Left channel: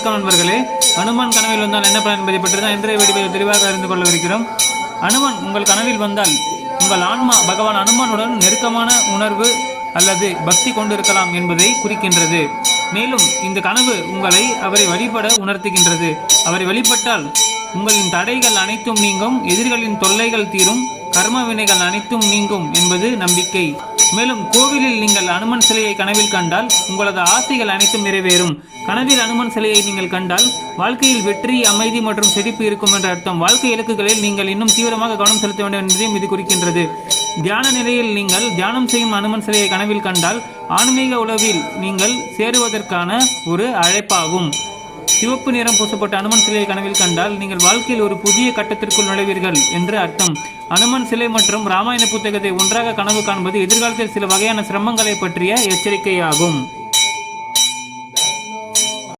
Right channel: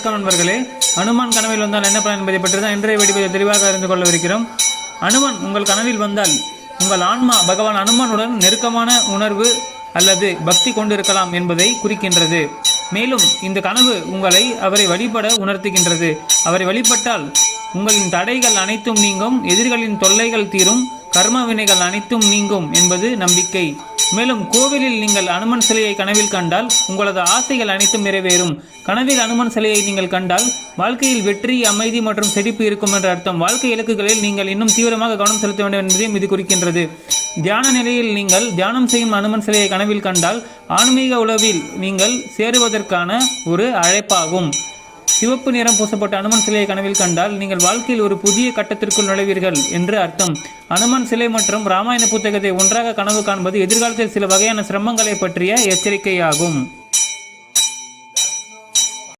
வணக்கம் நண்பர்களே. அனுமான் கனவில் வந்தால் என்ன பலன் என்பதை பற்றி தான் இன்றைய வீடியோவில் தெளிவாக அறிந்து கொள்ளவிருக்கிறோம். அனுமான் உங்கள் கனவில் வந்தால் உங்கள் ஆன்மா பகவான் அனுமானுடன் நெருக்கமான உணர்வு அல்லது பக்தி கொண்டிருக்கலாம் என்பதை குறிக்கின்றது. மேலும் இந்த கனவு உங்களை அவரை வழிபட உணர்த்துகின்றது. அவரை வழிபட்டால் உங்களின் தடைகள் அனைத்தும் நீங்கும், எதிரிகளின் தொல்லைகள் தீரும், கர்ம வினைகள் அனைத்தும் நீங்கும் என்பது நம்பிக்கை. மேலும் கோவிலில் நீங்கள் அனுமன் சிலையை கனவில் கண்டால் உங்களது ஆசைகள் அனைத்தும் நிறைவேறும். கனவில் அனுமன் சிலையை நீங்கள் கண்டால் வாழ்க்கையில் வெற்றி, அமைதி மற்றும் செழிப்பு இருக்கும் என்ற அர்த்தம். வாழ்க்கை இலக்குகளில் நீங்கள் இன்னும் தீவிரமாக கவனம் செலுத்த வேண்டும் என்பதையும் இது குறிக்கின்றது. தியான நிலையில் நீங்கள் தியானம் செய்யும் அனுமன் சிலையை கனவில் கண்டால் ஆன்மீக உலகில் நீங்கள் சேருவதற்கான ஒரு அழைப்பாகும். சிவப்பு நிறம் பூசப்பட்ட அனுமன் சிலையை கனவில் கண்டால் நீங்கள் வாழ்க்கையில் ஒரு புதிய கட்டத்திற்குள் நுழைவீர்கள் என்று அர்த்தம். அனுமன் சிலை மற்றும் ராமாயண புத்தகத்தை ஒன்றாக கனவு காண்பது எதிர்காலத்தில் சில வகையான சிரமங்களை பற்றிய எச்சரிக்கையாகும்.